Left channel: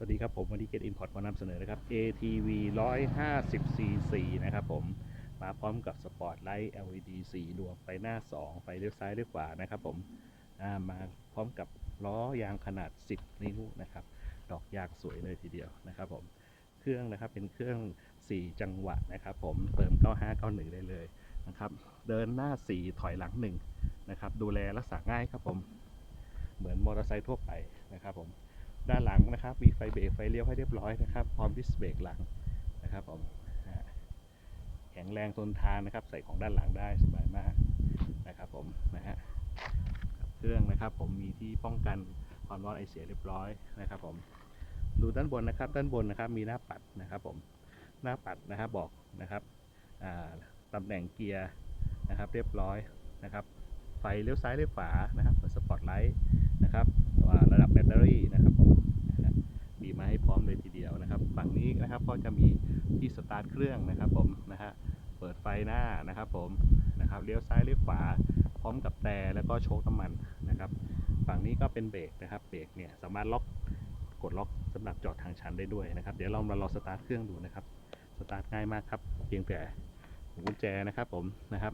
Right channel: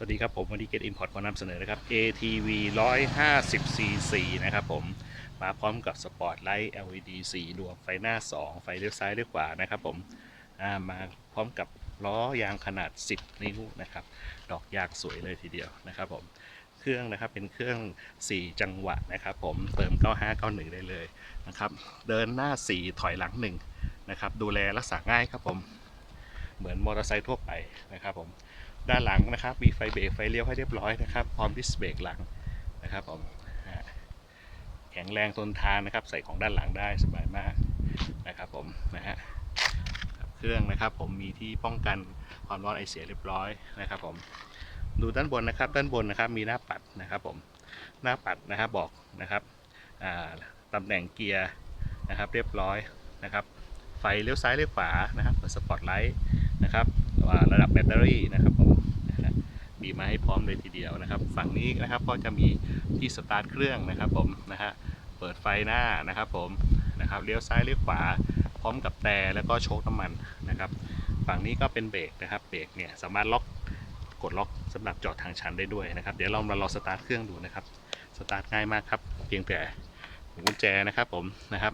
สวัสดีครับผมวันนี้ Get Import ขอนำเสนอนะครับ ATV 150 cc นะครับผมมาพร้อมกับสปอร์ตไลท์ LED สีดวงไฟหน้า 2 ไฟเลี้ยวซ้ายเลี้ยวขวานะครับผมามาพร้อมกับล้อยางขนาด 10 นิ้วนะครับ ดอกยางสวยเลยทีเดียวนะครับผมเครื่องนะครับเป็นเครื่อง 4 จังหวะนะครับผมเติม 9591 ได้เลยนะครับเดินหน้า 4 ถอยหลัง1นะครับดูแลรักษาง่ายครับผมเหมือนมอเตอร์ไซค์ทั่วไปนะครับผม ด้านหลังนะครับ มีไฟเบรกไฟเลี้ยวให้เรียบร้อยนะครับ พร้อมดิสเบรกหลังนะครับผมแข็งแรงทนทานนะครับ ใส่ของด้านหลังได้สบายมากนะครับผมนะฮะเครื่องนะครับผมมีที่ป้องกันความร้อนไอเสียเรียบร้อยนะครับผมดูด้านบนนะครับด้านบนนะครับมีหน้าปัดนะครับผมหน้าปัดนะครับบอกนะครับตำแหน่งเกียร์นะครับเรียบร้อยนะครับไฟเลี้ยวซ้ายเลี้ยวขวานะครับเปิดสปอตไลท์ ให้พร้อมเลยทีเดียวนะครับ ฝั่งนี้นะครับก็จะมีที่สตาร์ทเครื่องนะครับผมนะฮะเปิดไฟหน้านะครับผมนะครับเลี้ยวซ้ายเลี้ยวขวาพร้อมกับแต่แล้วก็โชคน้ำมันนะครับฝั่งนี้ก็เป็นเบรกนะครับเบรกเนี่ยสามารถล็อกกดล็อกสำหรับจอดทางชันได้ด้วยนะครับ เดี๋ยวเรามาลองสตาร์ทเครื่องดูนะครับสตาร์ทง่ายมากครับ เพียงแต่หมุนกุญแจนะครับผมนะครับ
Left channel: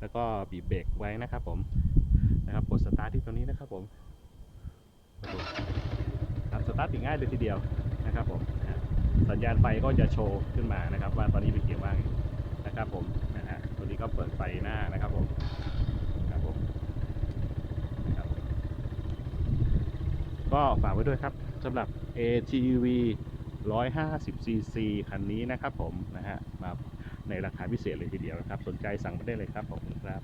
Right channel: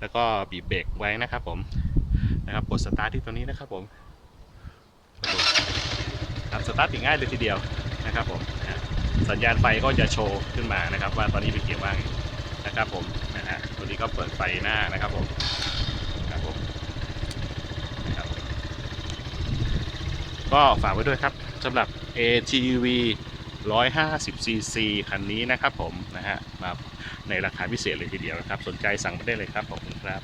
แล้วก็บีบเบรกไว้นะครับผมนะครับกดสตาร์ทที่ตัวนี้นะครับผม สตาร์ทติดง่ายเลยทีเดียวนะครับผมสัญญาณไฟก็จะโชว์ขึ้นมานะครับ ว่าตอนนี้เป็นเกียร์ว่างนะครับผมนะฮะตัวนี้ก็เปิดไฟหน้านะครับผมครับผมนะครับก็ฝากไว้ด้วยครับสำหรับ ATV 150cc คันนี้นะครับผมนะฮะมาในราคาพิเศษเลยทีเดียวนะครับ สนใจสั่งมาได้เลยครับขอบคุณครับ